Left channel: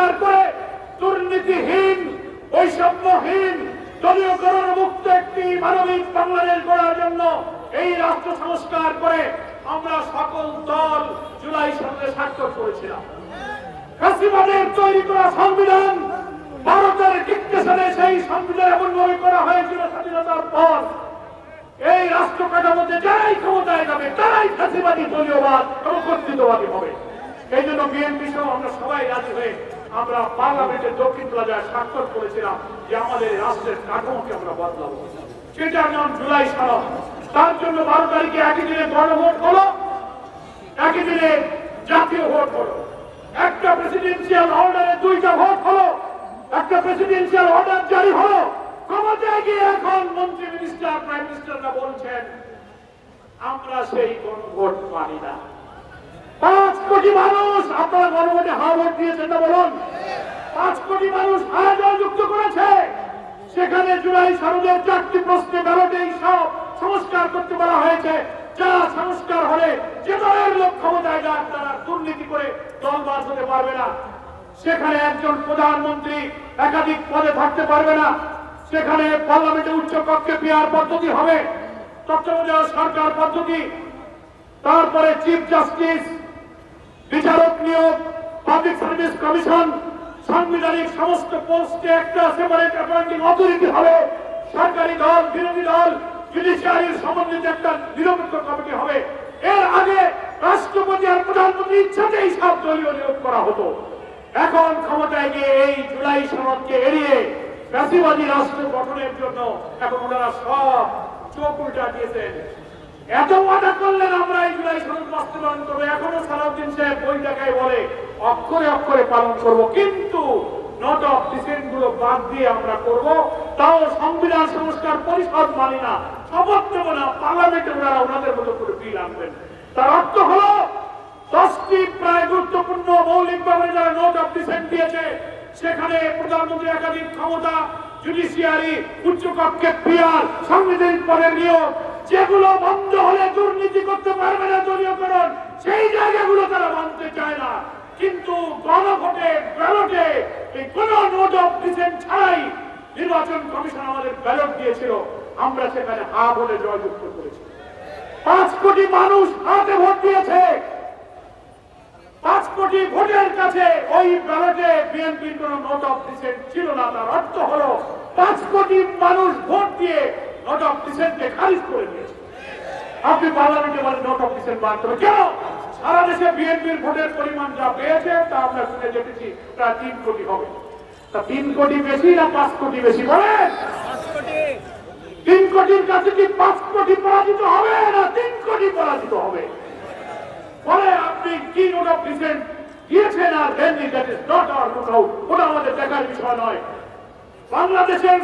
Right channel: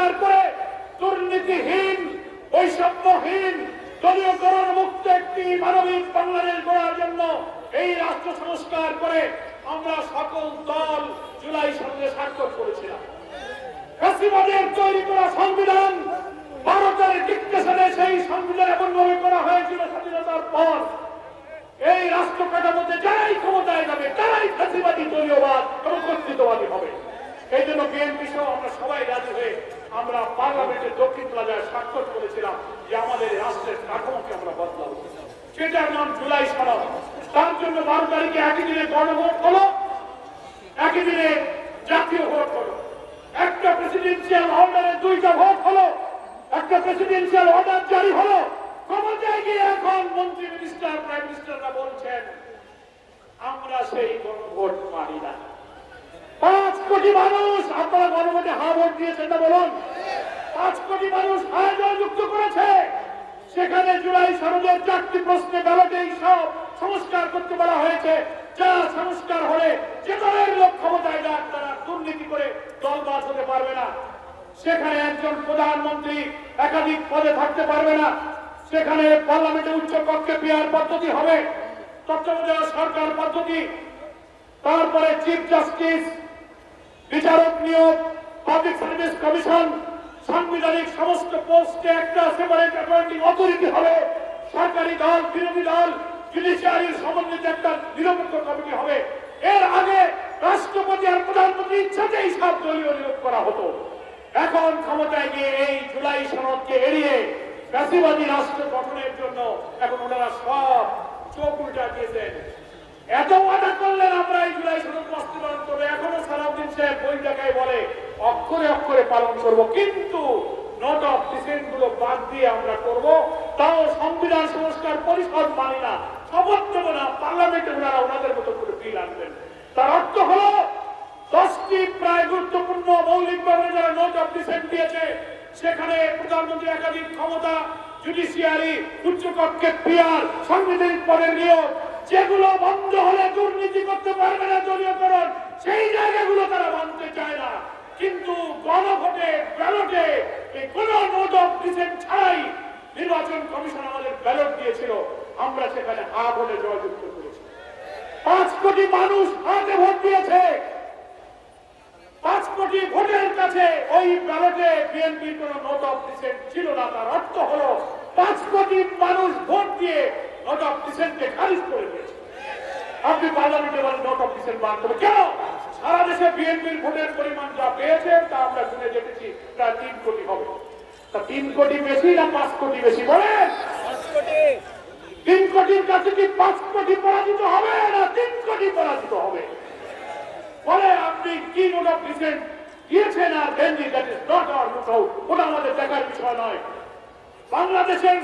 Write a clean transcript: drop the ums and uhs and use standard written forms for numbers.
সংস্কার করে দুর্নীতিহীন, বৈষম্যহীন, দলীয়করণ মুক্ত একটি মানবিক বাংলাদেশ গড়ার জন্য এই রাষ্ট্র সংস্কার করে আমরা সকল দল জুলাই সনদে স্বাক্ষর করেছিলাম। ফ্যাসিবাদের তৈরি করা সংবিধান, ভারতের ডিক্টেশনে সেই সংবিধান এমনভাবে করা হয়েছিল স্বাধীনতার পর এই রাষ্ট্র কাঠামোতে যারাই ক্ষমতায় যাবে তারাই ফ্যাসিবাদী, দলীয়বাদ এবং কর্তৃত্ববাদী হবে। এই জন্য বিএনপি সহ আমরা সবাই রাজি হয়ে আমরা পার্লামেন্টের দক্ষিণ প্লাজায় স্বাক্ষর করেছিলাম যে আমাদের রাষ্ট্রের কাঠামোকে আমরা বদলাবো। সেটার নাম জুলাই সনদ। তার জন্য 12 তারিখে একই দিনে গণভোট হলো, একই দিনে জাতীয় ভোট হলো। একটা প্রেসিডেন্সিয়াল অর্ডারে 2টা ভোট হলো, একটা প্রেসিডেন্সিয়াল অর্ডার জারি হলো। ক্ষমতায় গিয়ে এখন মন্ত্রী, মিনিস্টার, প্রাইম মিনিস্টাররা বলছেন আমরা সেই গণভোট মানি না। 5 কোটি মানুষ আপনারা গণভোটে হা ভোট দিয়েছেন না বলুন? 5 কোটি মানুষ হা যুক্ত করেছে। সেখানে জুলাই সনদের 4টি প্রশ্নে ব্যালটেই সব সংস্কার করতে বলা হয়েছে। যা সংস্কার হলে যে দলের লোক ক্ষমতায় যাক তারা দুর্নীতি করে দলবাজ হতে পারবে না। সেখানে একজন প্রধানমন্ত্রী একাধিক পদে থাকতে পারবে না। সেখানে পার্লামেন্টের উচ্চ কক্ষে পিআর পদ্ধতি হবে, তত্ত্বাবধায়ক সরকার পদ্ধতি, তারপরে চিফ জাস্টিস, বিচারক নিয়োগ, পাবলিক সার্ভিস কমিশন, সাংবিধানিক সমস্ত পোস্টে একটা সেপারেট অ্যাপয়েন্টিং অথরিটি হবে, সরকারি দল, বিরোধী দল, জুডিশিয়ারির সমন্বিত একটা নিরপেক্ষ কমিটি হবে। এর আগে রাষ্ট্রপতি আর প্রধানমন্ত্রীর ইচ্ছাতেই সব দলীয় নিয়োগ করা হতো। এখন ক্ষমতায় গিয়ে এই জুলাই সনদকে এড়িয়ে ফ্যাসিবাদী রাষ্ট্র গঠনের জন্য এখন ওনারা সব চোখ উল্টা দিয়েছেন। এত ওয়াদা করলেন আমরা এই জুলাই সনদ বাস্তবায়ন করবো, এখনো সালাউদ্দিন সাহেব বই দেখায় বলে অক্ষরে অক্ষরে পালন করব, কিন্তু নোট অফ ডিসেন্ট গুলো বাদ দিয়ে আমরা করব। তাও সংবিধান সংস্কার পরিষদ মানি না, শপথ নেব না, পার্লামেন্টে ওনারা ওনাদের মতো করে বিল আনবেন। তার অর্থ হলো 10টি প্রায় গুরুত্বপূর্ণ মৌলিকভাবে যারা নোট অফ ডিসেন্ট দিয়েছে সেখানে প্রধানমন্ত্রী একাধিক ক্ষমতা, জুডিশিয়ারি, উচ্চকক্ষে পিআর, সাংবিধানিক পদের নিয়োগ, যেগুলো বন্ধ হলে দুর্নীতি করতে পারবে না দলীয়করণ, সেই জায়গাগুলো তারা মানতে চায় না। কিন্তু গণভোটে, ব্যালটে কোন নোট অফ ডিসেন্ট ছাড়াই নির্বাচন কমিশন আমাদের ব্যালট দিয়েছিল, আমরা সেখানে হা ভোটে জয়যুক্ত করেছি। 5 কোটি মানুষ হাতে ভোট দিয়েছে। 5 কোটি ভোটের কাছে ওই ব্যালটে বিএনপির কোন নোট অফ ডিসেন্ট ছিল না। তার অর্থ হলো 5 কোটি মানুষ ভোট দিয়ে নোট অফ ডিসেন্টকে খারিজ করে দিয়েছে। আপনি পার্লামেন্টে বলেন নোট অফ ডিসেন্ট বাদ করবে কেন? সারা দেশে বিএনপির ভোটের পরিমাণ যা পেয়েছে তা আমরা শুনে দেখেছি প্রায় 3 কোটি হবে। তা 3 কোটি বেশি না 5 কোটি বেশি বলেন? 3 কোটির কাছে কি 5 কোটি পরাজিত হবে না 3 কোটি পরাজিত হবে? বলে আপনি কি নোট অফ ডিসেন্ট দিয়েছেন আর দেননি, that is not our look out, ওটা আমাদের দেখার বিষয় নয়। বাংলাদেশের